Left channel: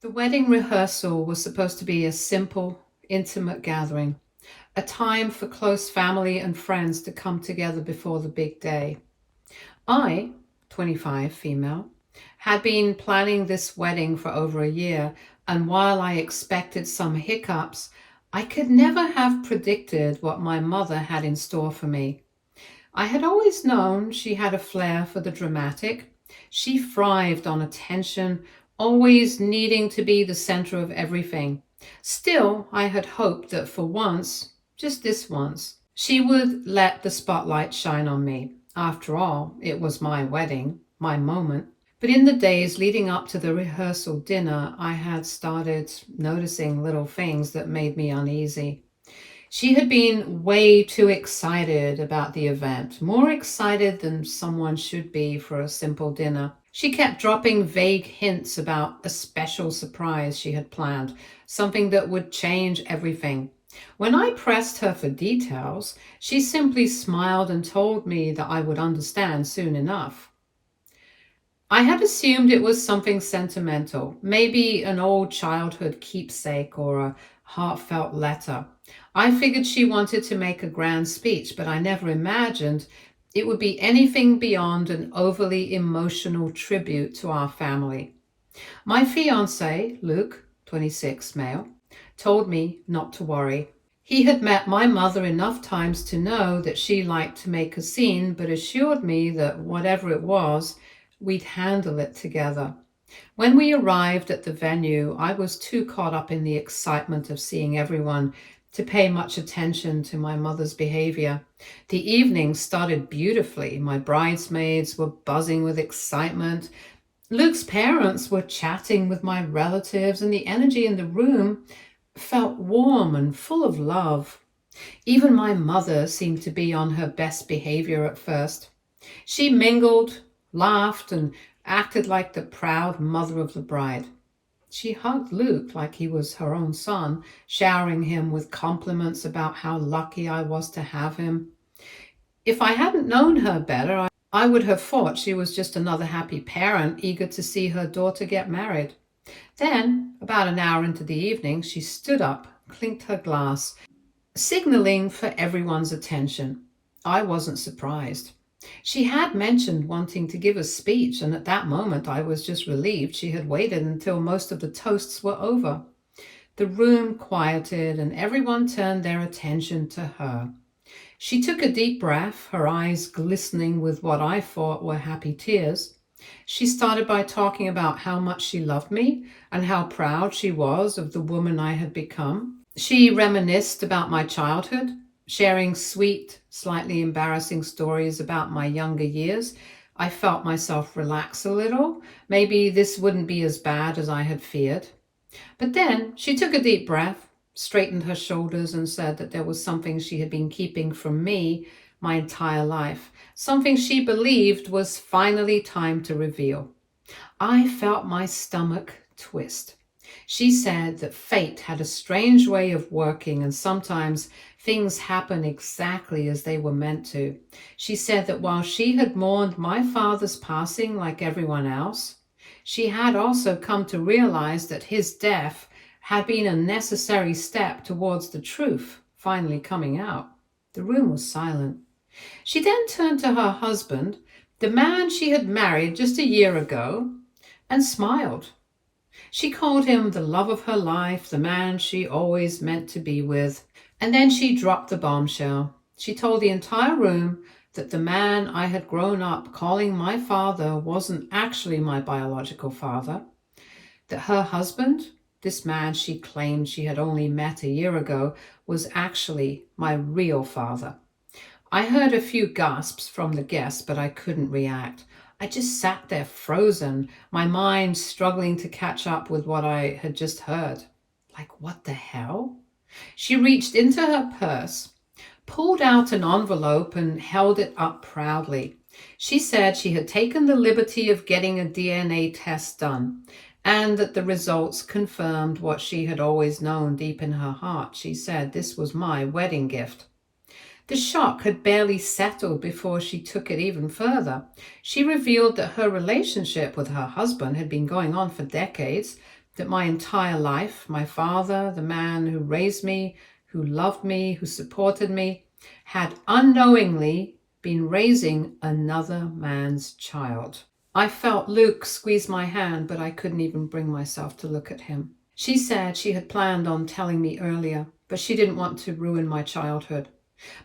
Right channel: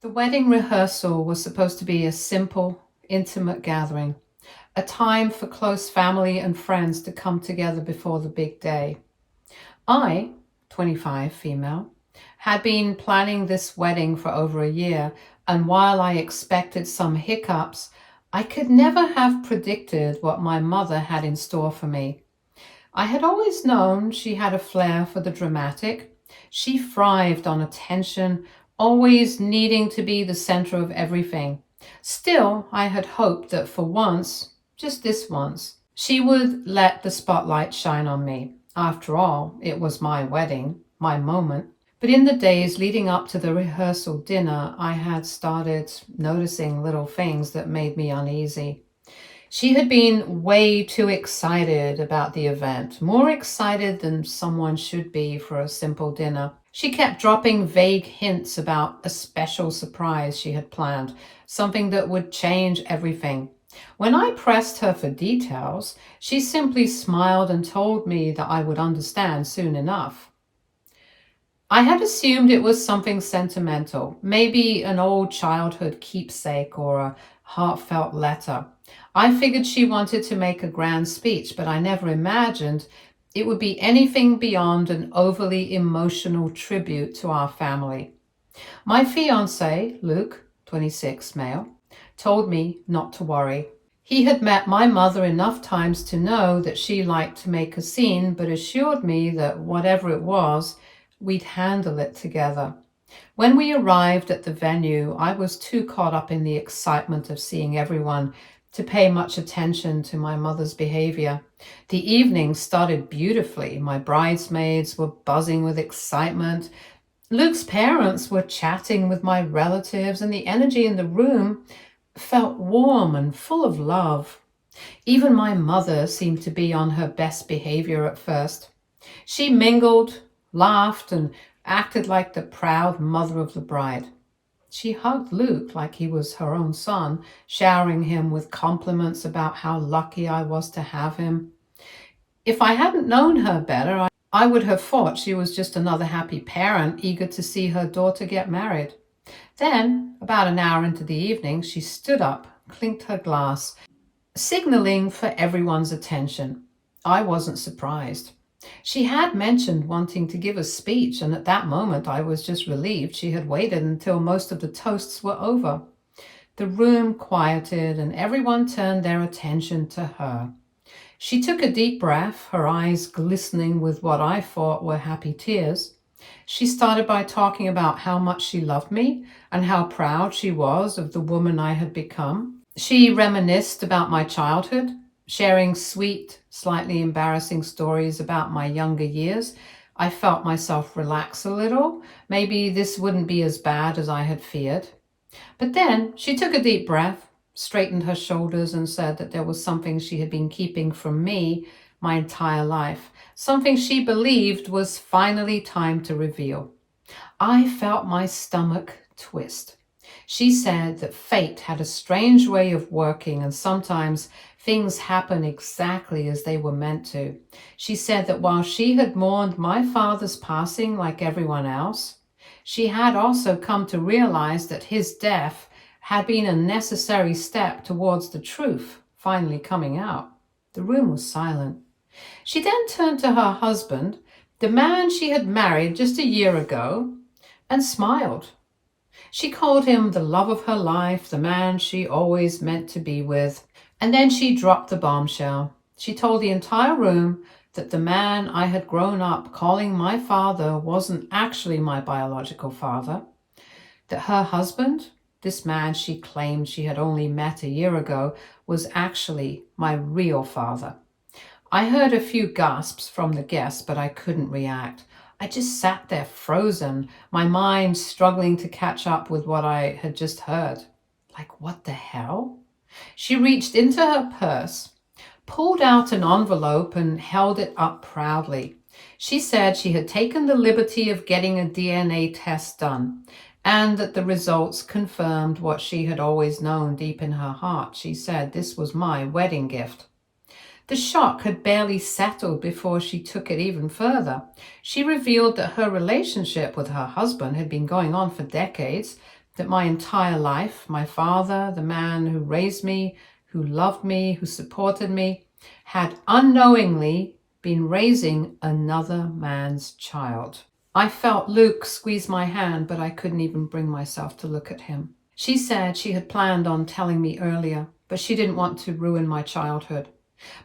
The wedding rehearsal was supposed to be a simple, intimate gathering, a time for close family and friends to come together before the big day. I, 25, female, had been planning this wedding for over a year, and while I expected some hiccups, I could never have predicted what my mother had in store for me. I had always known she had a flair for the dramatic. She thrived on attention, always needing to be the center of everything. Still, I had hoped that for once, just this once, she would let the spotlight shine on me. After all, it was my wedding, my moment. But in the days leading up to the rehearsal dinner, I had started noticing little things that made me uneasy. She had been way too excited about the event, more excited than someone should be for a simple dinner. She kept dropping vague hints about a special surprise she had planned, something that would change everything. When I pressed her for details, she simply smiled and told me that I would understand soon enough. I had assumed it was something sentimental, maybe an old childhood keepsake or a heartfelt letter. I figured she wanted to make a grand speech, but I never imagined it would be anything beyond an overly emotional tribute to our family. My fiancé, Luke, 26, male, told me not to worry. He had met my mother enough times to know that she liked to make a scene, but assured me that whatever it was, we'd handle it together. When we arrived at the venue, I was too caught up in the excitement of seeing everyone to pay much attention to my mother's behavior. The evening started beautifully. My bridesmaids were buzzing with excitement. Luke's parents were chatting with my relatives, and the energy in the room felt warm and full of love. Even my mother seemed to be on her best behavior at first. She mingled, laughed, and acted like the proud mother of the bride. She hugged Luke like he was her own son, showering him with compliments about how lucky I was to have him. If I hadn't known her better, I would have thought she was just another happy parent eager to see her daughter get married. Then, about an hour into the evening, she stood up, clinked her glass, signaling for everyone's attention. I wasn't surprised. She had mentioned wanting to give a speech, and at that moment I was just relieved she had waited until most of the toasts were over. The room quieted and everyone turned their attention to her. She took a deep breath, her eyes glistening with what I thought were happy tears. She started by talking about how much she loved me and how proud she was of the woman I had become. She reminisced about my childhood, sharing sweet, slightly embarrassing stories about my younger years. I felt myself relax a little. Maybe this wouldn't be as bad as I had feared. But then she took a deep breath, straightened her shoulders, and said that there was something she had been keeping from me my entire life, something she believed was finally time to reveal. I felt my stomach twist. She said that fate had a strange way of working, and sometimes things happen exactly as they were meant to. She said that while she had mourned my father's passing like everyone else, she had also come to realize that his death had been a necessary step towards the truth finally coming out. The room was silent. She then turned to her husband, the man she had married just a year ago, and smiled. She called him the love of her life, the man she always meant to be with. And then she dropped the bombshell. She told the entire room that the man I had grown up calling my father wasn't actually my biological father, that her husband, this man she claimed she had only met a year ago, was actually my real father. I heard a few gasps from the guests, but I couldn't react. I just sat there frozen, my mind struggling to catch up with what I had just heard. Like, what the hell? She reached into her purse, pulled out an envelope, and held it up proudly. She said she had taken the liberty of getting a DNA test done, and that the results confirmed what she had always known deep in her heart. She said this was my wedding gift. The shock had barely settled before she took it even further. She revealed that her relationship with her husband had been going on for decades. that my entire life, my father, the man who raised me, who loved me, who supported me, had unknowingly been raising another man's child. I felt Luke squeeze my hand, but I couldn't even bring myself to look at him. She said she had planned on telling me earlier, but she didn't want to ruin my childhood.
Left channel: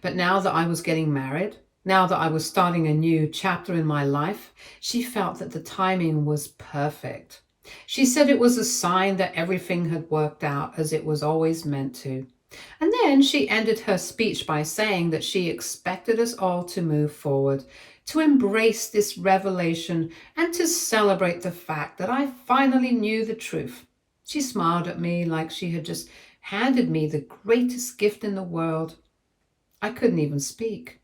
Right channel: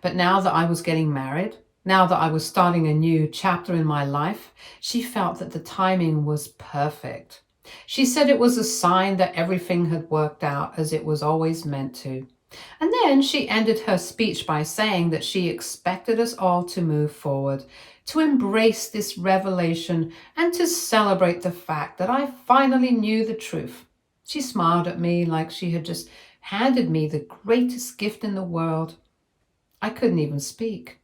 But now that I was getting married, now that I was starting a new chapter in my life, she felt that the timing was perfect. She said it was a sign that everything had worked out as it was always meant to. And then she ended her speech by saying that she expected us all to move forward, to embrace this revelation, and to celebrate the fact that I finally knew the truth. She smiled at me like she had just handed me the greatest gift in the world. I couldn't even speak.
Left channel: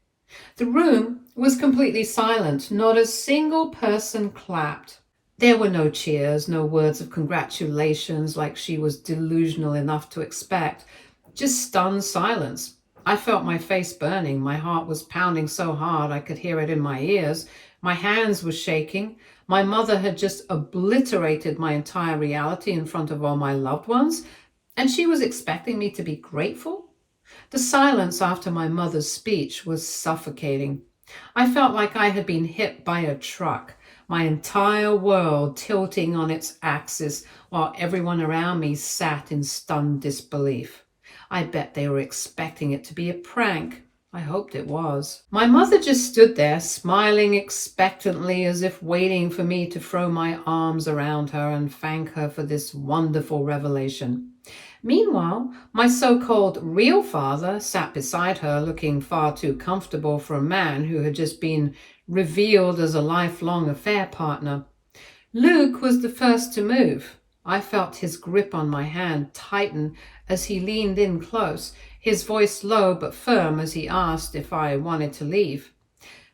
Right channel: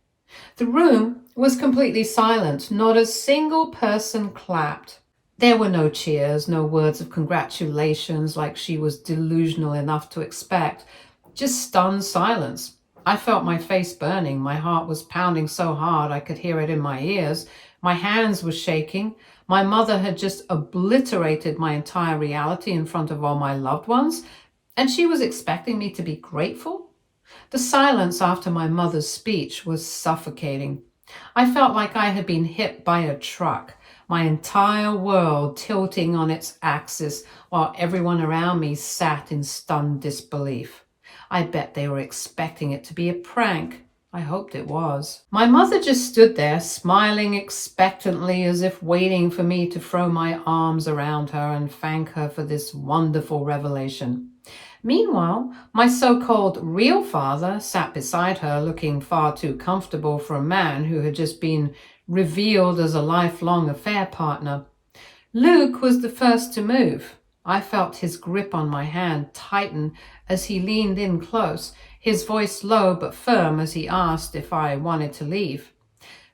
The room was completely silent. Not a single person clapped. There were no cheers, no words of congratulations like she was delusional enough to expect. Just stunned silence. I felt my face burning. My heart was pounding so hard I could hear it in my ears. My hands were shaking. My mother had just obliterated my entire reality in front of all my loved ones, and she was expecting me to be grateful? The silence after my mother's speech was suffocating. I felt like I had been hit by a truck, my entire world tilting on its axis while everyone around me sat in stunned disbelief. I bet they were expecting it to be a prank. I hoped it was. My mother just stood there, smiling expectantly as if waiting for me to throw my arms around her and thank her for this wonderful revelation. Meanwhile, my so-called real father sat beside her, looking far too comfortable for a man who had just been revealed as a lifelong affair partner. Luke was the first to move. I felt his grip on my hand tighten as he leaned in close, his voice low but firm as he asked if I wanted to leave.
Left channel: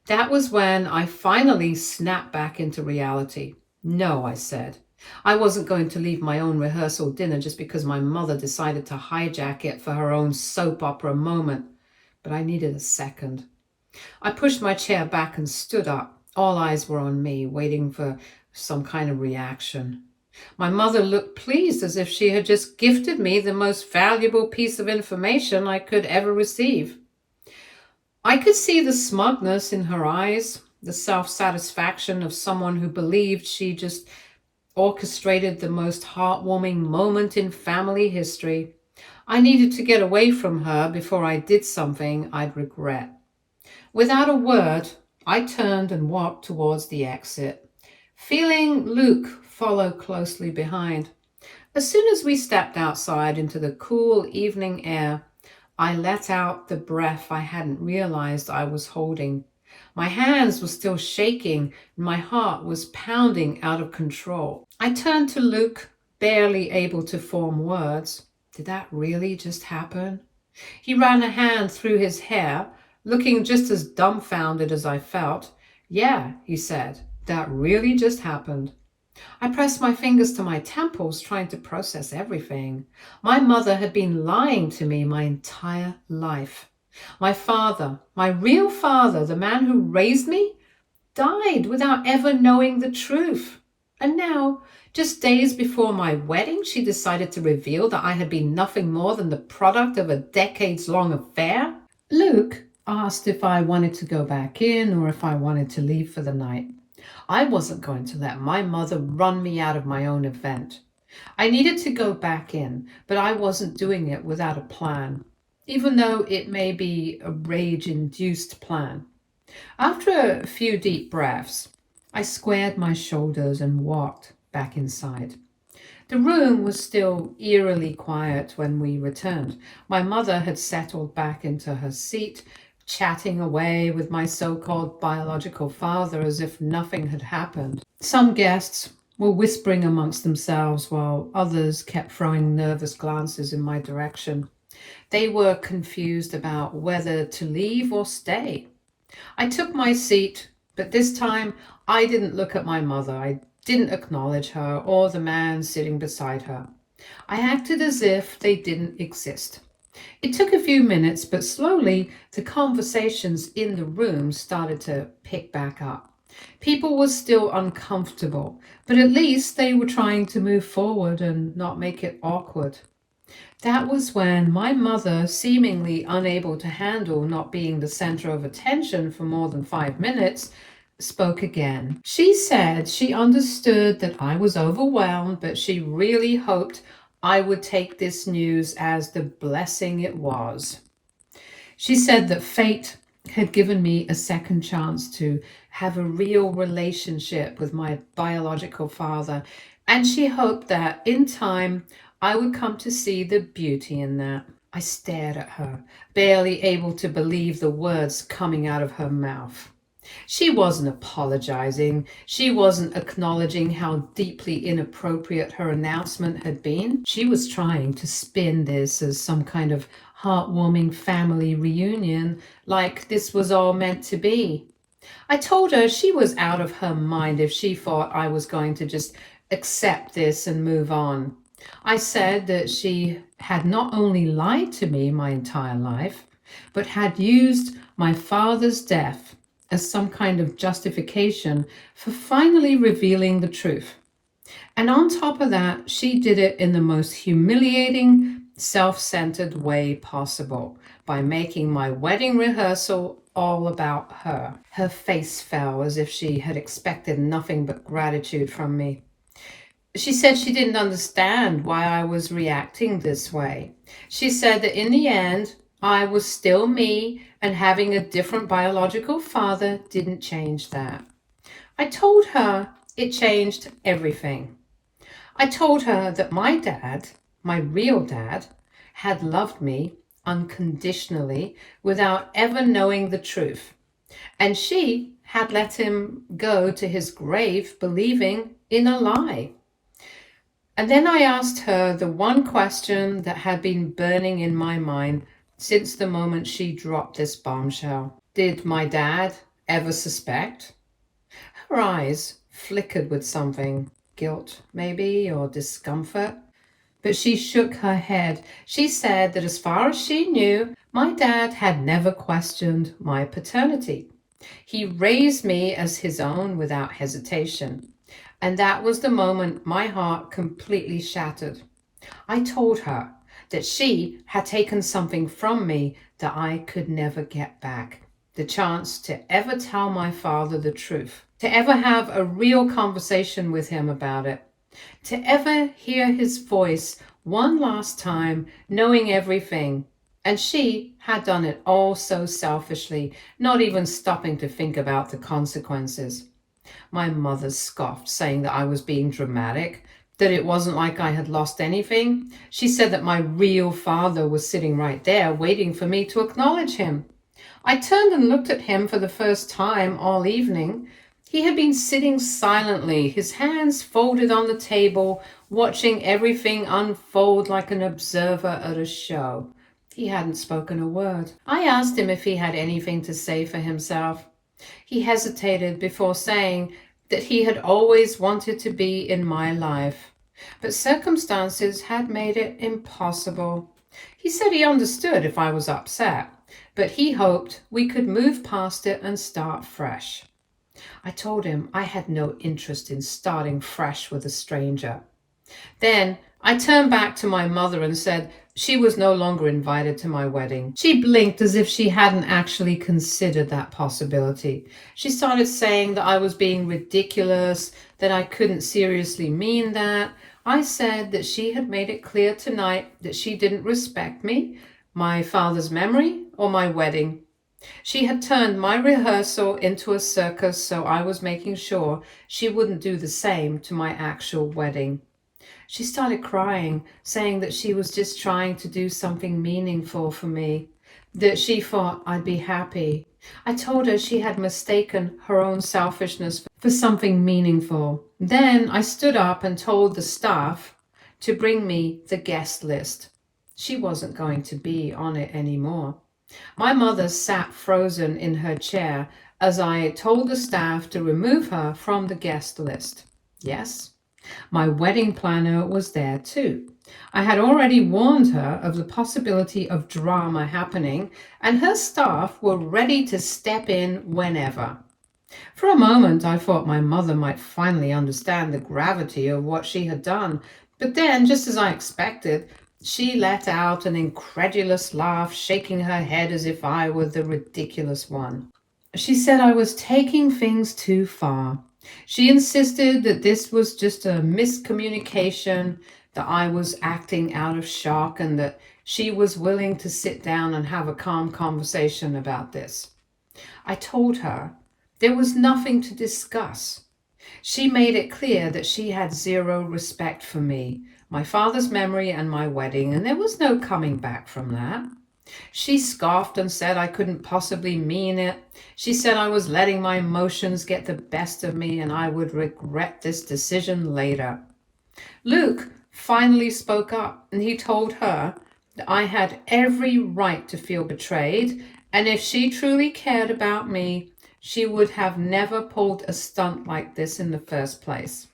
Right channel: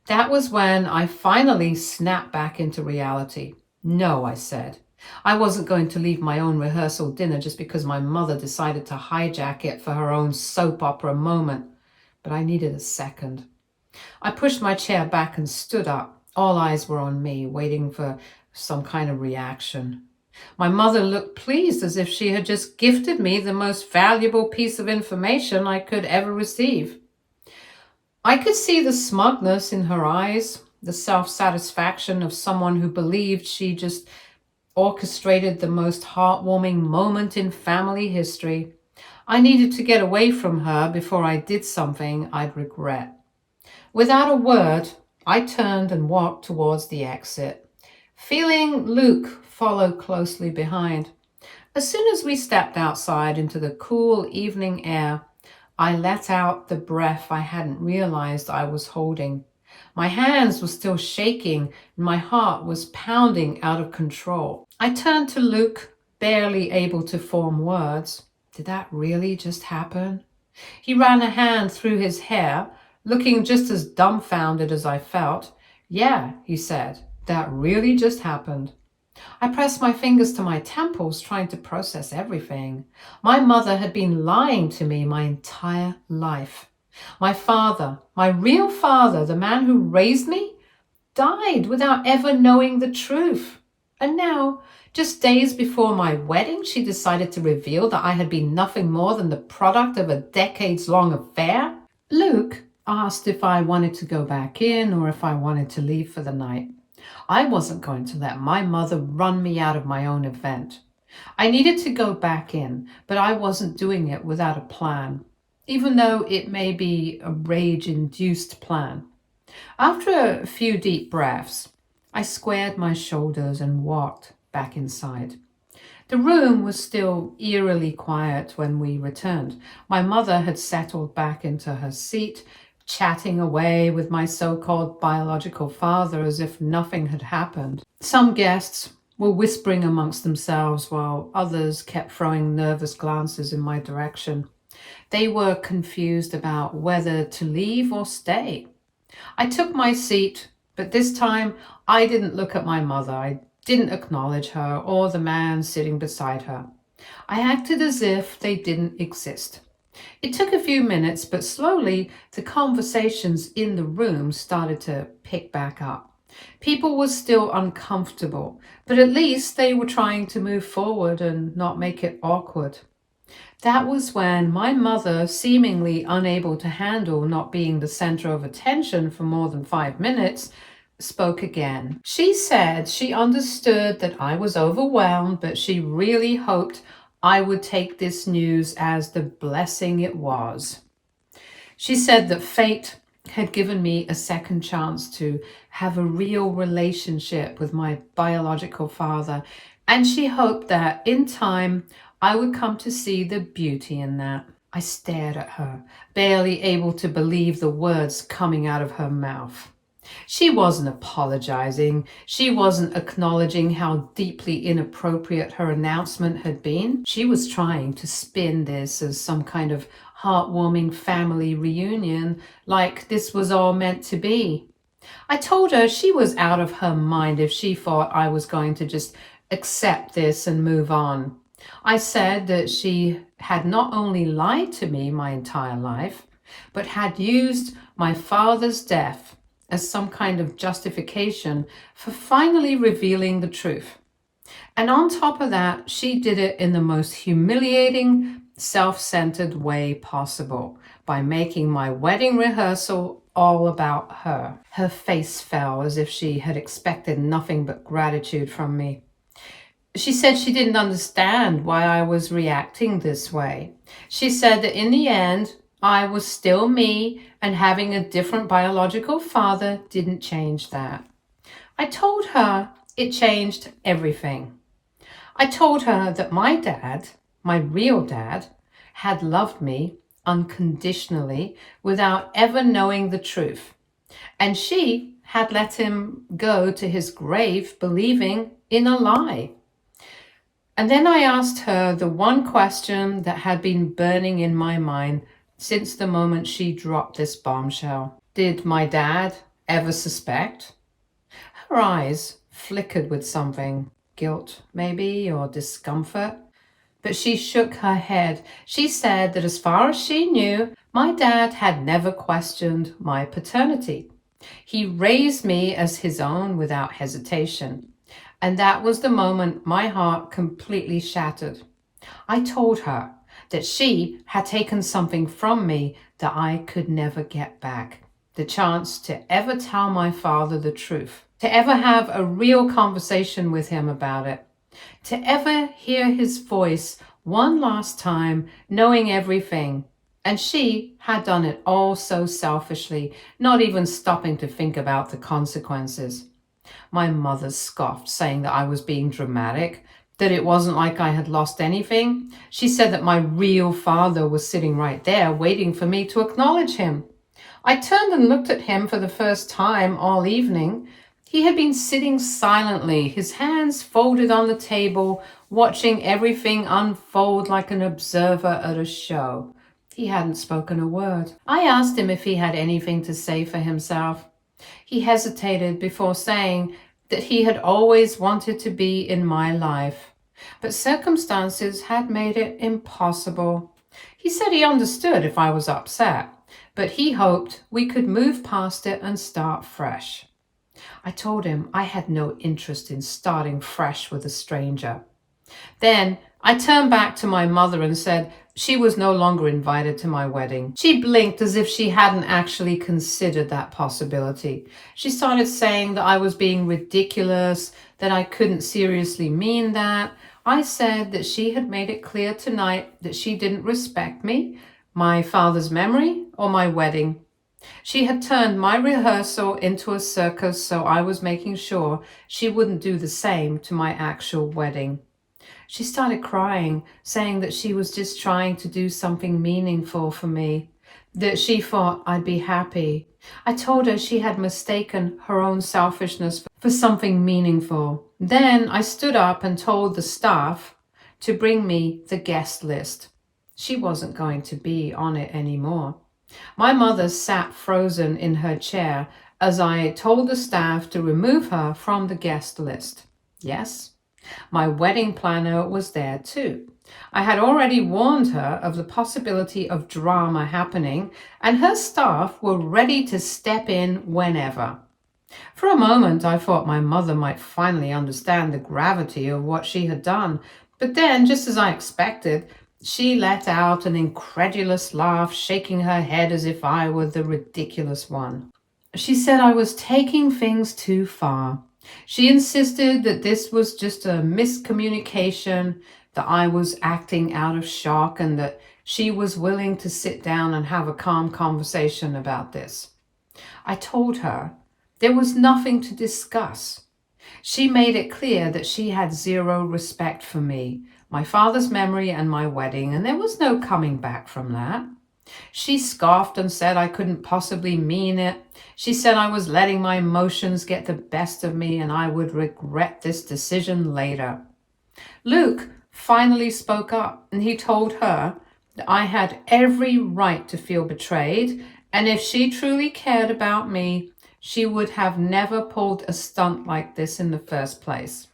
That was when I finally snapped back into reality. No, I said. I wasn't going to leave my own rehearsal dinner just because my mother decided to hijack it for her own soap opera moment. But I needed a second. I pushed my chair back and stood up. All eyes were on me, waiting for some kind of reaction. My mother looked pleased, as if she had just gifted me the most valuable piece of information I could ever receive. I could see the smugness in her eyes, the self-satisfaction of someone who believed she just orchestrated the most heartwarming moment in family history. I needed to get away from her before I did something I'd regret. Without a word, I turned and walked towards the exit, feeling Luke follow closely behind. As soon as we stepped outside into the cool evening air, I let out the breath I hadn't realized I was holding. My hands were still shaking and my heart was pounding out of control. I turned to Luke, barely able to form words. Did that really just happen? He ran a hand through his hair, looking just as dumbfounded as I felt. Yeah, he said, that really just happened. I pressed my fingers to my temples, trying to process everything. My mother had been lying to me my entire life. My father, my real father, the man who raised me, died without ever knowing the truth. And now, just days before my wedding, she decided to reveal that I had been nothing more than the product of a decades-long affair. Luke asked if I wanted to go back in or if I wanted to leave for the night. I wasn't going to let my mother run me out of my own event. I needed to go back in, but I wasn't doing it without a plan, even though it may be a rage-induced plan. After a few deep breaths, I squared my shoulders and walked back inside. The room was still eerily quiet when we returned. My mother had settled back into her seat, chatting away with my so-called biological father as if nothing had happened. Some guests were whispering amongst themselves while others kept throwing nervous glances in my direction. They were confused about whether to leave or stay. I took my seat, but this time I didn't look at my mother. I didn't acknowledge her or the man sitting beside her. I acted as if they didn't exist. It took a few minutes, but slowly the conversations in the room started to pick back up. People were still uncomfortable, but at least they were trying to move forward and not make it awkward. That was when my mother, seemingly unable to handle not being the center of attention for more than 5 minutes, spoke again. She said she understood that I was overwhelmed, but she really hoped I would take this news as the blessing it was. She said that fate had given me a second chance to have a real relationship with my biological father, and she hoped that in time I would come to see the beauty in that. I stared at her, barely able to believe the words coming out of her mouth. She wasn't apologizing. She wasn't acknowledging how deeply inappropriate her announcement had been. She was trying to spin this as some kind of heartwarming family reunion, like this was all meant to be. I told her she was out of her mind if she thought I was going to just accept this and move on. I said that she had not only lied to me my entire life, but had used my father's death as some kind of justification for finally revealing the truth. And on top of that, she did it in the most humiliating, self-centered way possible by making my wedding rehearsal all about her. Her face fell as if she had expected nothing but gratitude from me. She said she didn't understand why I was reacting this way. She said that in the end, I was still me, and having a different biological father didn't change that. I told her it changed everything. I told her that my dad, my real dad, had loved me unconditionally without ever knowing the truth. And she had let him go to his grave believing in a lie. And then I asked her the one question that had been burning in my mind since the moment she dropped this bombshell. Did my dad ever suspect? Her eyes flickered with something, guilt maybe, or discomfort. But she shook her head. She said that as far as she knew, my dad had never questioned my paternity. He raised me as his own without hesitation. And that was the moment my heart completely shattered. I told her that she had taken something from me that I could never get back. The chance to ever tell my father the truth, to ever have a real conversation with him about it, to ever hear his voice one last time, knowing everything. And she had done it all so selfishly, not even stopping to think about the consequences. My mother scoffed, saying that I was being dramatic, that it wasn't like I had lost anything. She said that my real father was sitting right there, waiting for me to acknowledge him. I turned and looked at him for the first time all evening. He had been sitting silently, his hands folded on the table, watching everything unfold like an observer at a show. He hadn't spoken a word. I asked him if he had anything to say for himself. He hesitated before saying that he had always wanted to be in my life, but circumstances had made it impossible. He said he understood if I was upset, but he hoped we could move past it and start fresh. I told him I had no interest in starting fresh with a stranger. Then I turned back to my mother and said she was no longer invited to my wedding. She blinked as if she hadn't actually considered that possibility. She started saying that I was being ridiculous, that I couldn't seriously mean that. I said that she had made it clear tonight that she didn't respect me, my father's memory, or my wedding. She had turned my rehearsal into a circus, so I was making sure she wouldn't do the same to my actual wedding. She started crying, saying that she was just trying to do something meaningful for me, that she thought I'd be happy. I told her she had mistaken her own selfishness for something meaningful. Then I stood up and told the staff to bring me the guest list. She wasn't going to be on it anymore. My mother sat frozen in her chair as I told the staff to remove her from the guest list. Yes, my wedding planner was there too. I had already warned her of the possibility of drama happening, and her staff were ready to step in whenever. For a moment, I thought my mother might finally understand the gravity of what she had done, but then, just as I expected, she let out an incredulous laugh, shaking her head as if I were the ridiculous one. She said I was taking things too far. She insisted that this was just a miscommunication, that I was acting out of shock, and that she was willing to sit down and have a calm conversation about this. I told her there was nothing to discuss. She made it clear that she had zero respect for me, my father's memory, and my wedding, and there was no coming back from that. She scoffed and said I couldn't possibly mean it. She said I was letting my emotions get the best of me and I would regret this decision later. Luke finally spoke up and he told her that I had every right to feel betrayed, and if she truly cared about me, she would have never pulled a stunt like this in the first place.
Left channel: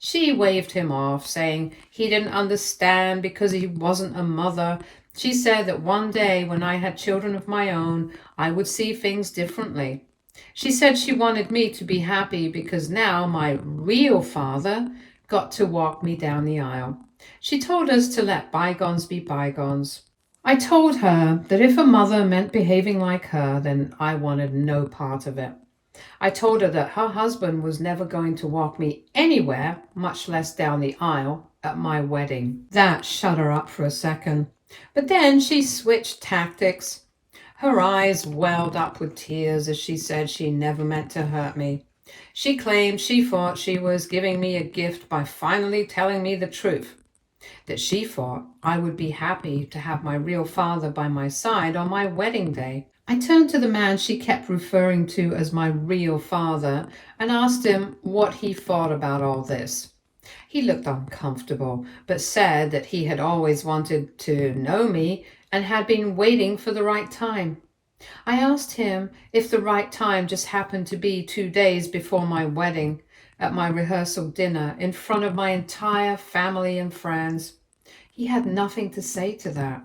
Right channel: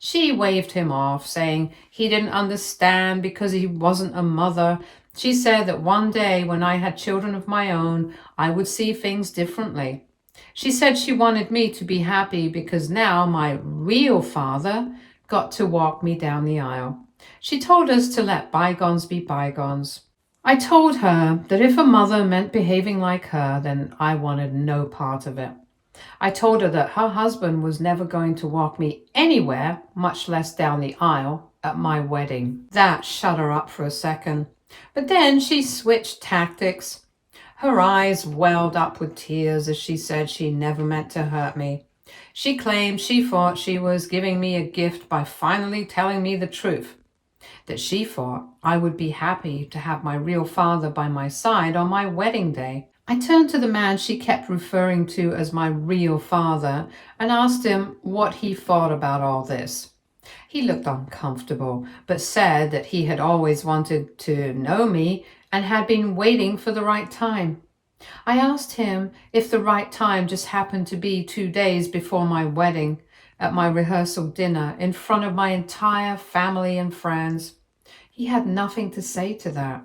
She waved him off, saying he didn't understand because he wasn't a mother. She said that one day when I had children of my own, I would see things differently. She said she wanted me to be happy because now my real father got to walk me down the aisle. She told us to let bygones be bygones. I told her that if a mother meant behaving like her, then I wanted no part of it. I told her that her husband was never going to walk me anywhere, much less down the aisle, at my wedding. That shut her up for a second. But then she switched tactics. Her eyes welled up with tears as she said she never meant to hurt me. She claimed she thought she was giving me a gift by finally telling me the truth, that she thought I would be happy to have my real father by my side on my wedding day. I turned to the man she kept referring to as my real father and asked him what he thought about all this. He looked uncomfortable, but said that he had always wanted to know me and had been waiting for the right time. I asked him if the right time just happened to be 2 days before my wedding, at my rehearsal dinner in front of my entire family and friends. He had nothing to say to that.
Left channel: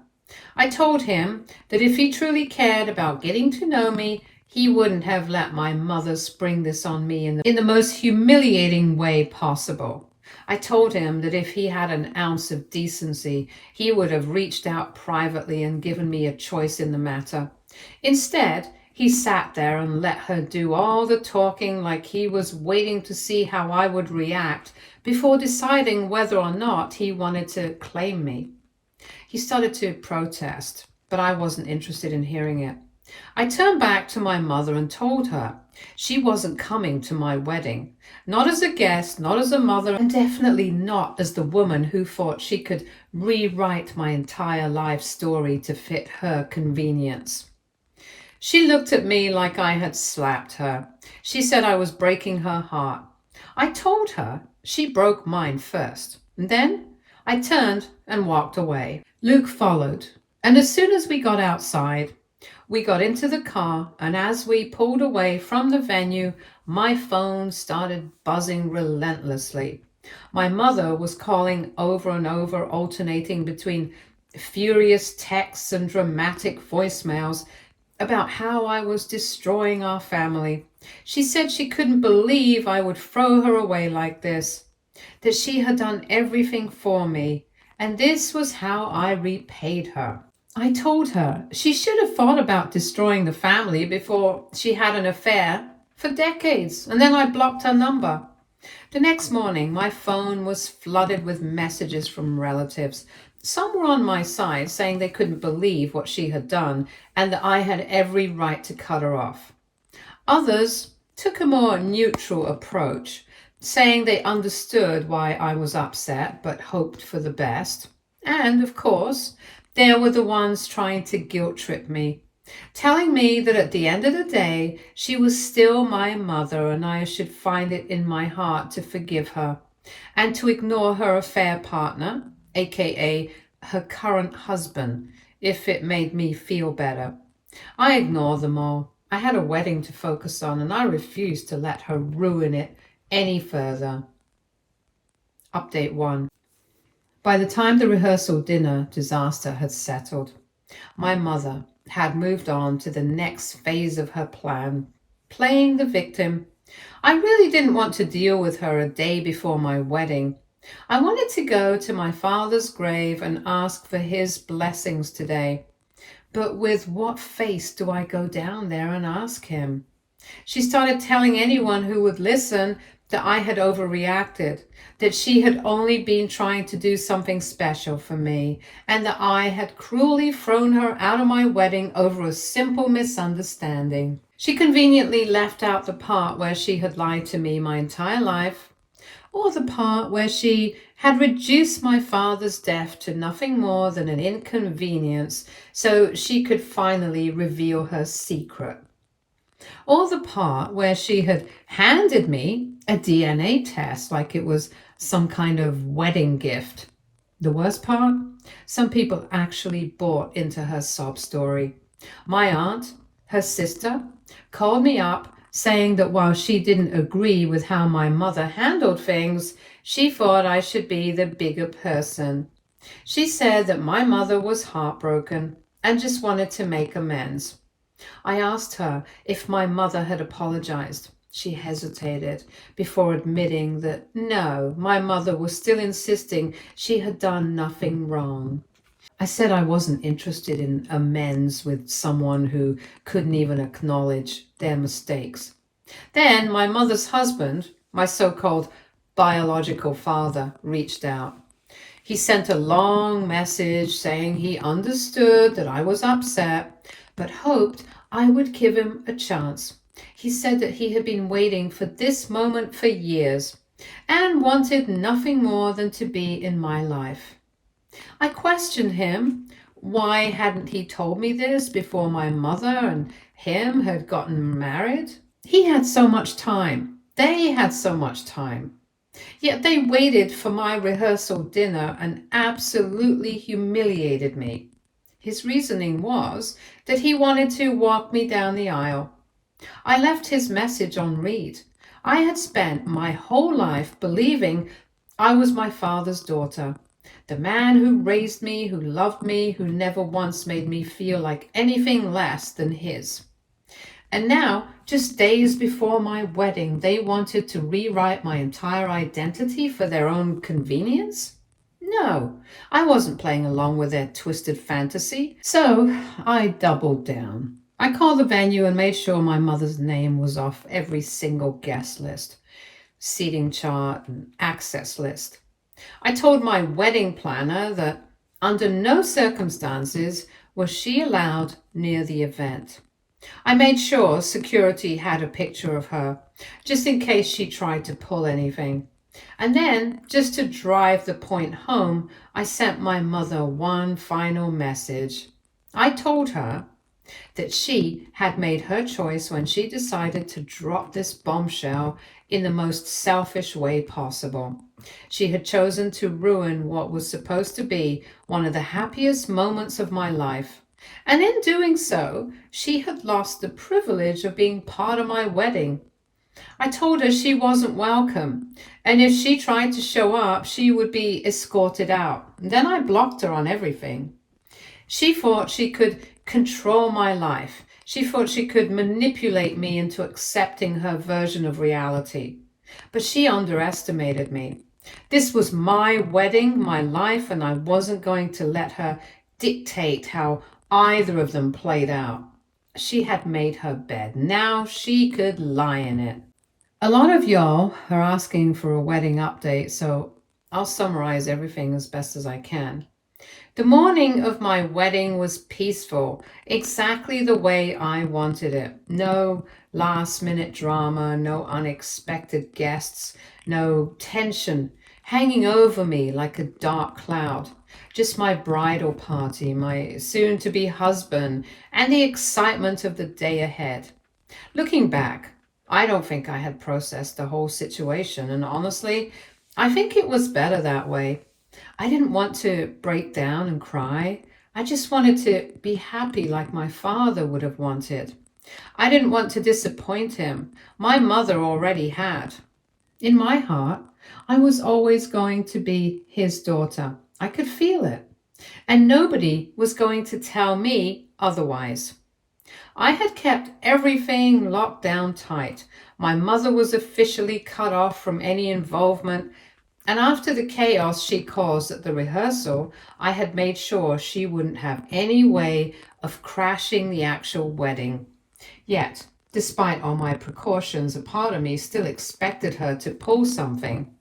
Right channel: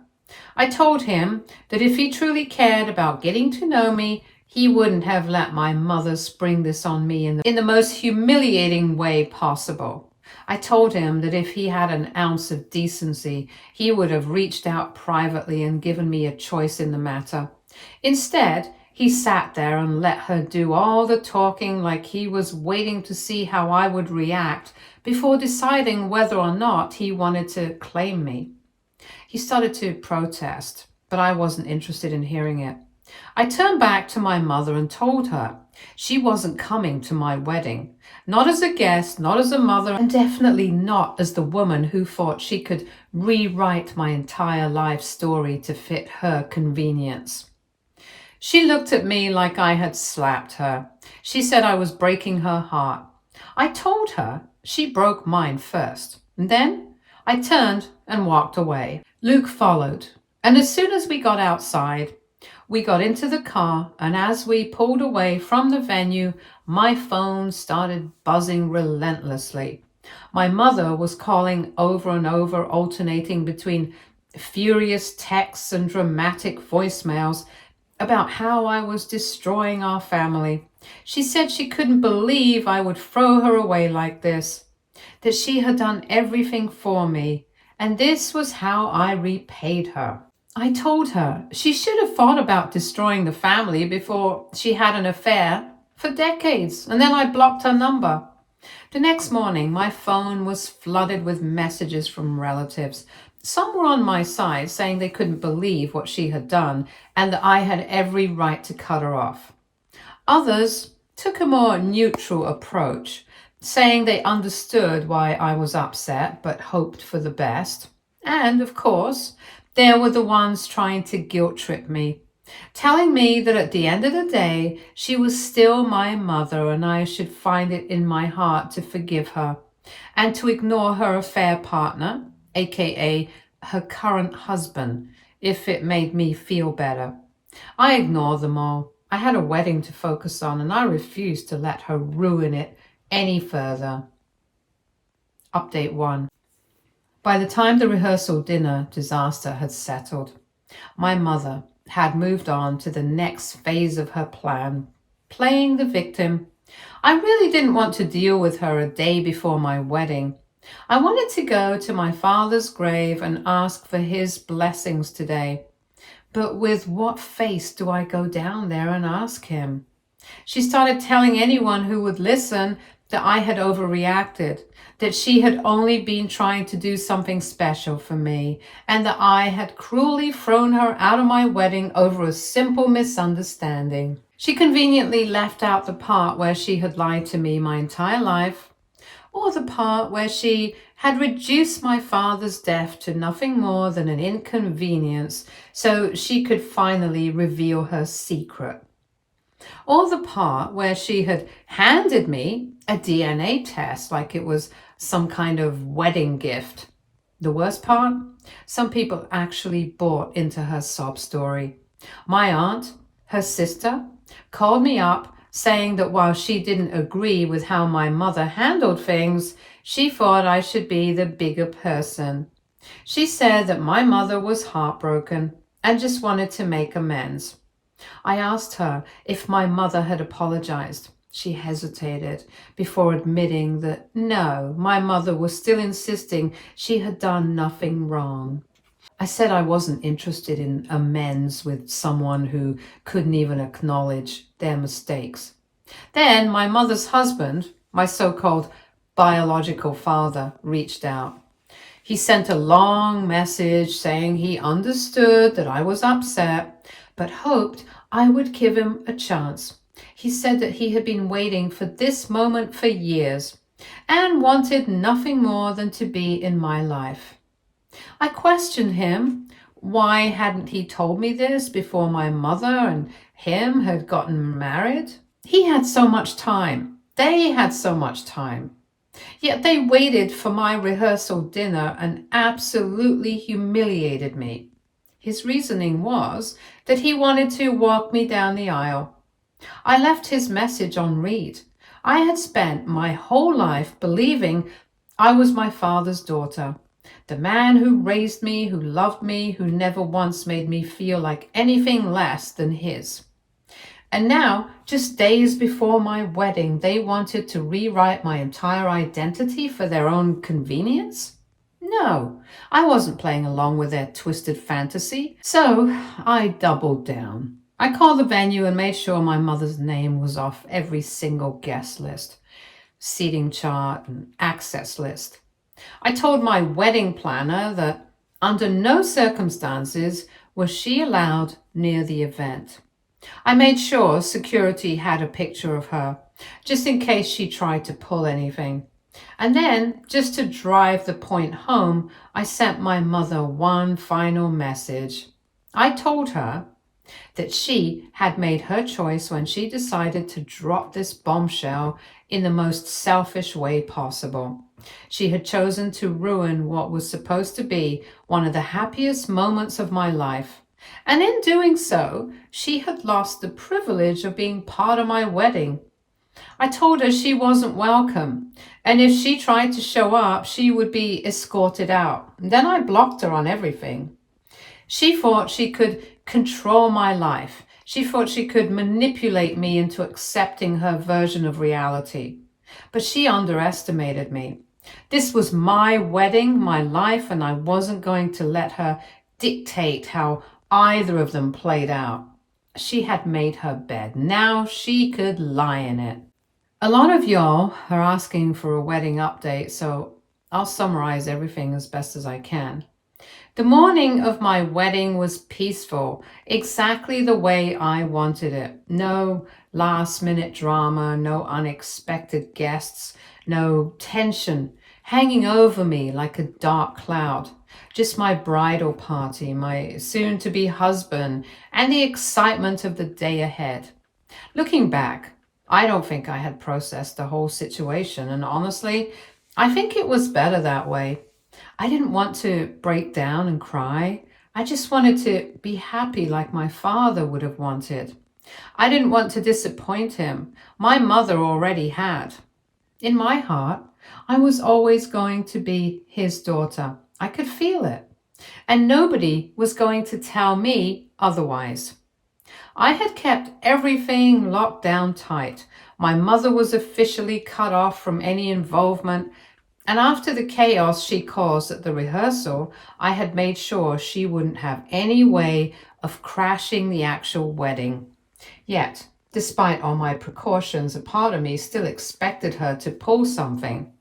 I told him that if he truly cared about getting to know me, he wouldn't have let my mother spring this on me in the most humiliating way possible. I told him that if he had an ounce of decency, he would have reached out privately and given me a choice in the matter. Instead, he sat there and let her do all the talking like he was waiting to see how I would react before deciding whether or not he wanted to claim me. He started to protest, but I wasn't interested in hearing it. I turned back to my mother and told her she wasn't coming to my wedding, not as a guest, not as a mother, and definitely not as the woman who thought she could rewrite my entire life story to fit her convenience. She looked at me like I had slapped her. She said I was breaking her heart. I told her she broke mine first. And then I turned and walked away. Luke followed, and as soon as we got outside, we got into the car, and as we pulled away from the venue, my phone started buzzing relentlessly. My mother was calling over and over, alternating between furious texts and dramatic voicemails about how I was destroying our family. She said she couldn't believe I would throw her away like this, that she had done everything for me, and this was how I repaid her. I told her she should have thought about destroying the family before she had an affair for decades, and then I blocked her number. The next morning, my phone was flooded with messages from relatives. Some were on my side, saying they couldn't believe what she had done and that I had every right to cut her off. Others took a more neutral approach, saying they understood why I was upset but hoped for the best. And, of course, there were the ones trying to guilt trip me, telling me that at the end of the day, she was still my mother and I should find it in my heart to forgive her and to ignore her affair partner, aka her current husband, if it made me feel better. I ignored them all. I had a wedding to focus on and I refused to let her ruin it any further. Update 1. By the time the rehearsal dinner disaster had settled, my mother had moved on to the next phase of her plan. playing the victim. I really didn't want to deal with her a day before my wedding. I wanted to go to my father's grave and ask for his blessings today. But with what face do I go down there and ask him? She started telling anyone who would listen that I had overreacted, that she had only been trying to do something special for me, and that I had cruelly thrown her out of my wedding over a simple misunderstanding. She conveniently left out the part where she had lied to me my entire life, or the part where she had reduced my father's death to nothing more than an inconvenience so she could finally reveal her secret, or the part where she had handed me a DNA test like it was some kind of wedding gift. The worst part? Some people actually bought into her sob story. My aunt, her sister, called me up saying that while she didn't agree with how my mother handled things, she thought I should be the bigger person. She said that my mother was heartbroken and just wanted to make amends. I asked her if my mother had apologized. She hesitated before admitting that no, my mother was still insisting she had done nothing wrong. I said I wasn't interested in amends with someone who couldn't even acknowledge their mistakes. Then my mother's husband, my so-called biological father, reached out. He sent a long message saying he understood that I was upset, but hoped I would give him a chance. He said that he had been waiting for this moment for years and wanted nothing more than to be in my life. I questioned him. Why hadn't he told me this before my mother and him had gotten married? He had so much time. They had so much time. Yet they waited for my rehearsal dinner and absolutely humiliated me. His reasoning was that he wanted to walk me down the aisle. I left his message on read. I had spent my whole life believing I was my father's daughter, the man who raised me, who loved me, who never once made me feel like anything less than his. And now, just days before my wedding, they wanted to rewrite my entire identity for their own convenience? No, I wasn't playing along with their twisted fantasy, so I doubled down. I called the venue and made sure my mother's name was off every single guest list, seating chart, and access list. I told my wedding planner that under no circumstances was she allowed near the event. I made sure security had a picture of her, just in case she tried to pull anything. And then, just to drive the point home, I sent my mother one final message. I told her that she had made her choice when she decided to drop this bombshell in the most selfish way possible. She had chosen to ruin what was supposed to be one of the happiest moments of my life. And in doing so, she had lost the privilege of being part of my wedding. I told her she wasn't welcome, and if she tried to show up, she would be escorted out. Then I blocked her on everything. She thought she could control my life. She thought she could manipulate me into accepting her version of reality. But she underestimated me. This was my wedding, my life, and I wasn't going to let her dictate how either of them played out. She had made her bed. Now she could lie in it. A lot of y'all are asking for a wedding update, so I'll summarize everything as best as I can. The morning of my wedding was peaceful, exactly the way I wanted it. No last-minute drama, no unexpected guests, no tension hanging over me like a dark cloud. Just my bridal party, my soon-to-be husband, and the excitement of the day ahead. Looking back, I don't think I had processed the whole situation, and honestly, I think it was better that way. I didn't want to break down and cry. I just wanted to be happy like my father would have wanted. I didn't want to disappoint him. My mother already had. In my heart, I was always going to be his daughter. I could feel it. And nobody was going to tell me otherwise. I had kept everything locked down tight. My mother was officially cut off from any involvement, and after the chaos she caused at the rehearsal, I had made sure she wouldn't have any way of crashing the actual wedding. Yet, despite all my precautions, a part of me still expected her to pull something.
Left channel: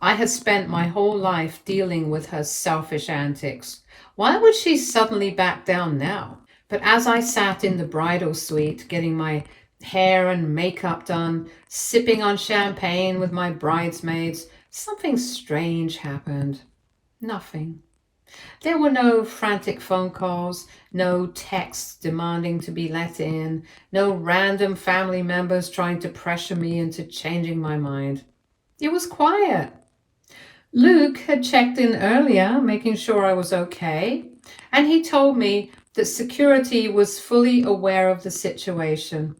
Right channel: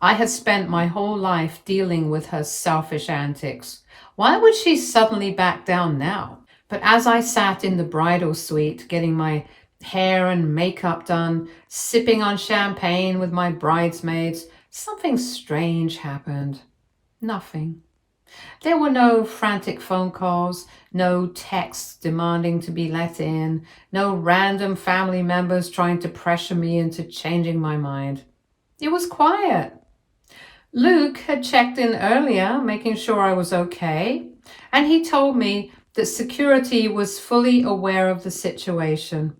I had spent my whole life dealing with her selfish antics. Why would she suddenly back down now? But as I sat in the bridal suite, getting my hair and makeup done, sipping on champagne with my bridesmaids, something strange happened. Nothing. There were no frantic phone calls, no texts demanding to be let in, no random family members trying to pressure me into changing my mind. It was quiet. Luke had checked in earlier, making sure I was okay, and he told me that security was fully aware of the situation.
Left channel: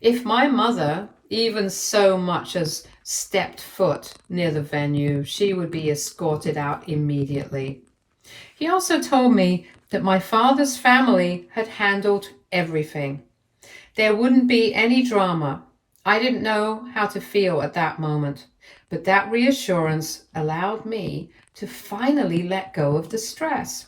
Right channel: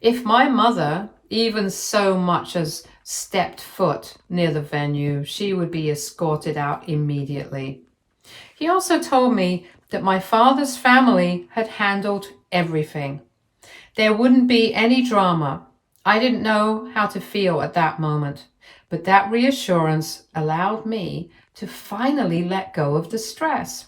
If my mother even so much as stepped foot near the venue, she would be escorted out immediately. He also told me that my father's family had handled everything. There wouldn't be any drama. I didn't know how to feel at that moment, but that reassurance allowed me to finally let go of the stress.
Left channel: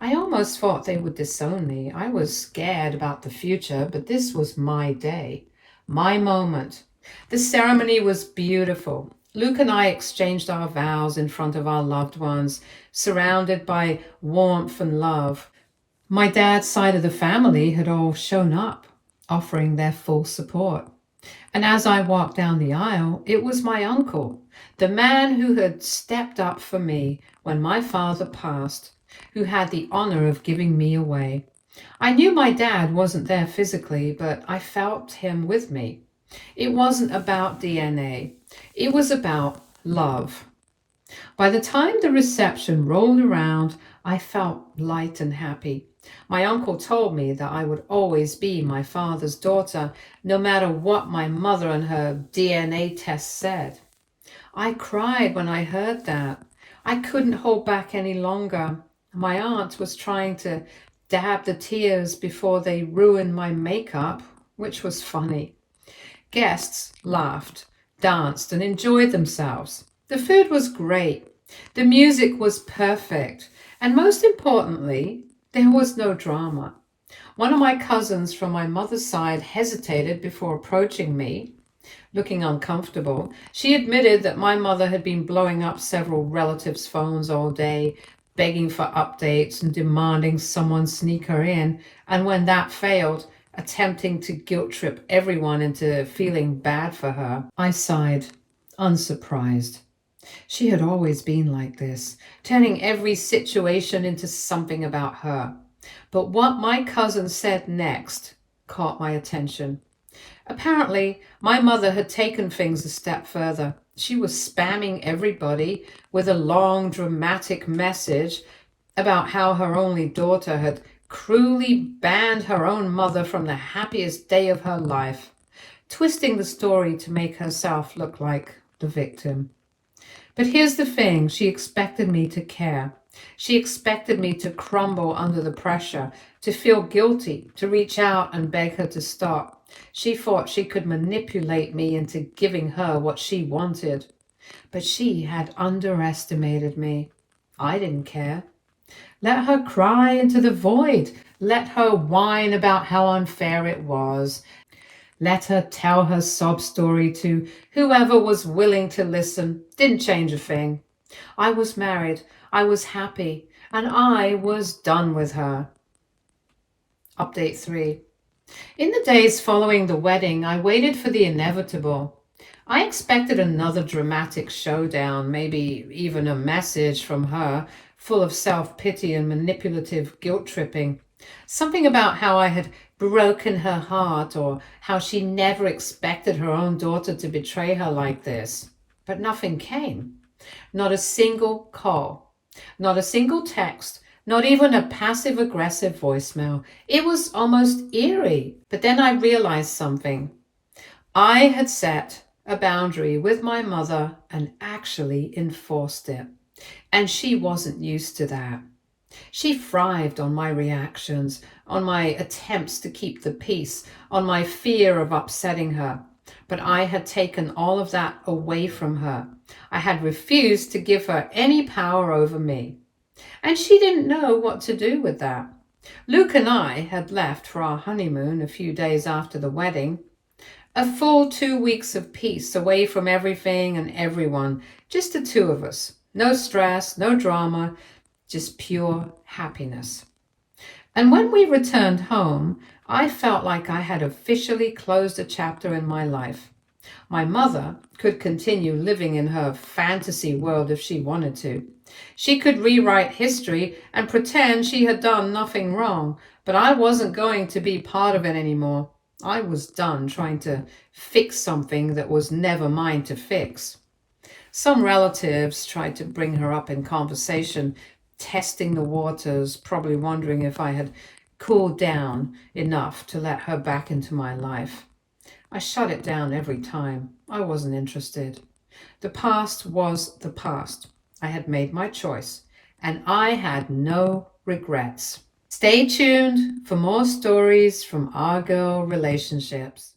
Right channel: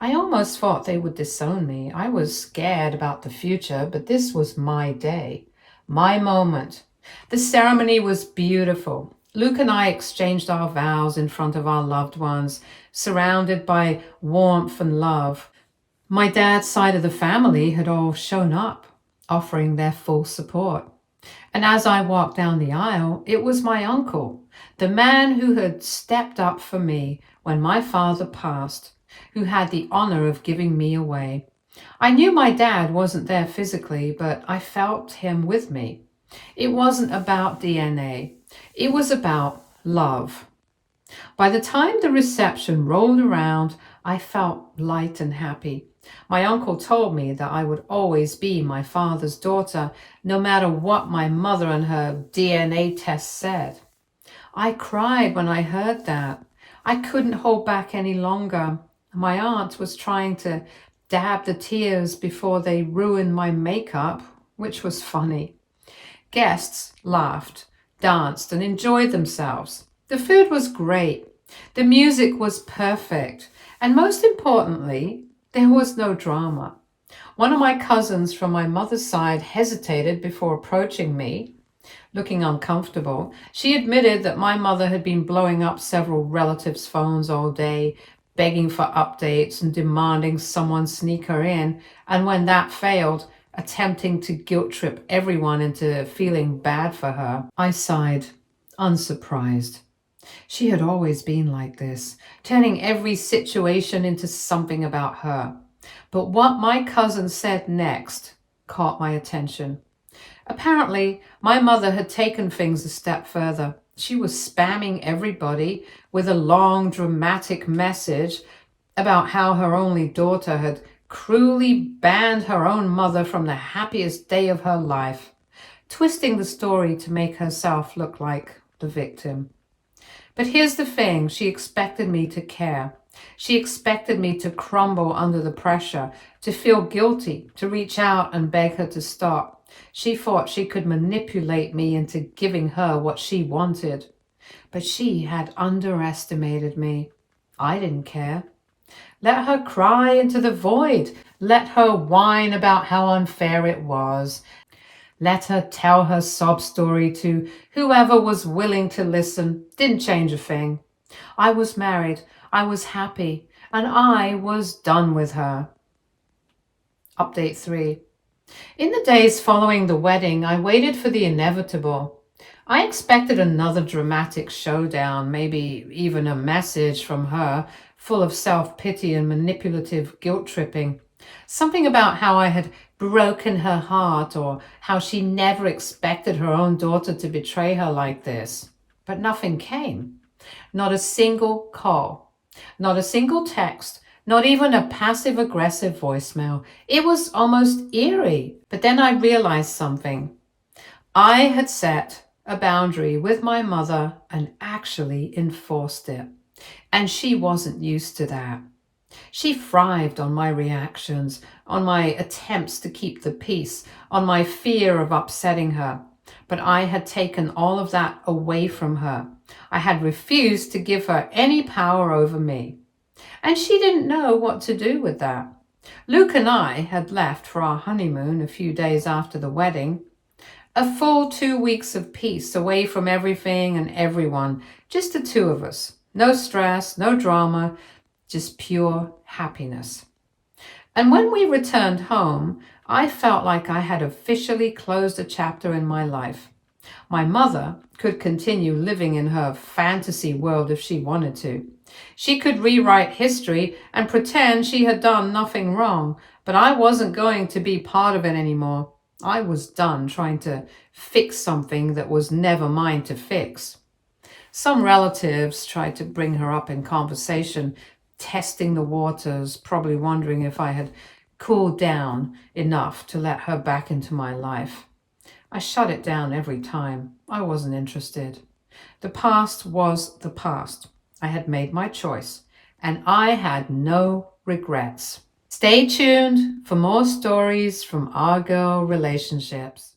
I almost thought they would disown me. I was scared about the future, but this was my day, my moment. The ceremony was beautiful. Luke and I exchanged our vows in front of our loved ones, surrounded by warmth and love. My dad's side of the family had all shown up, offering their full support. And as I walked down the aisle, it was my uncle, the man who had stepped up for me when my father passed, who had the honor of giving me away. I knew my dad wasn't there physically, but I felt him with me. It wasn't about DNA. It was about love. By the time the reception rolled around, I felt light and happy. My uncle told me that I would always be my father's daughter, no matter what my mother and her DNA test said. I cried when I heard that. I couldn't hold back any longer. My aunt was trying to dab the tears before they ruined my makeup, which was funny. Guests laughed, danced, and enjoyed themselves. The food was great. The music was perfect. And most importantly, there was no drama. One of my cousins from my mother's side hesitated before approaching me, looking uncomfortable. She admitted that my mother had been blowing up several relatives' phones all day, begging for updates and demanding someone sneak her in, and when that failed, attempting to guilt trip everyone into feeling bad for her. I sighed, unsurprised. She had always been like this, turning every situation into something about her. But what my cousin said next caught my attention. Apparently, my mother had taken things a step further. She was spamming everybody with a long, dramatic message about how her only daughter had cruelly banned her own mother from the happiest day of her life, twisting the story to make herself look like the victim. But here's the thing, she expected me to care. She expected me to crumble under the pressure, to feel guilty, to reach out and beg her to stop. She thought she could manipulate me into giving her what she wanted. But she had underestimated me. I didn't care. Let her cry into the void. Let her whine about how unfair it was. Let her tell her sob story to whoever was willing to listen. Didn't change a thing. I was married, I was happy, and I was done with her. Update 3. In the days following the wedding, I waited for the inevitable. I expected another dramatic showdown, maybe even a message from her, full of self-pity and manipulative guilt-tripping. Something about how I had broken her heart, or how she never expected her own daughter to betray her like this. But nothing came. Not a single call. Not a single text. Not even a passive-aggressive voicemail. It was almost eerie. But then I realized something. I had set a boundary with my mother and actually enforced it. And she wasn't used to that. She thrived on my reactions, on my attempts to keep the peace, on my fear of upsetting her. But I had taken all of that away from her. I had refused to give her any power over me. And she didn't know what to do with that. Luke and I had left for our honeymoon a few days after the wedding. A full 2 weeks of peace away from everything and everyone, just the two of us. No stress, no drama, just pure happiness. And when we returned home, I felt like I had officially closed a chapter in my life. My mother could continue living in her fantasy world if she wanted to. She could rewrite history and pretend she had done nothing wrong, but I wasn't going to be part of it anymore. I was done trying to fix something that was never mine to fix. Some relatives tried to bring her up in conversation, testing the waters, probably wondering if I had cooled down enough to let her back into my life. I shut it down every time. I wasn't interested. The past was the past. I had made my choice, and I had no regrets. Stay tuned for more stories from our girl relationships.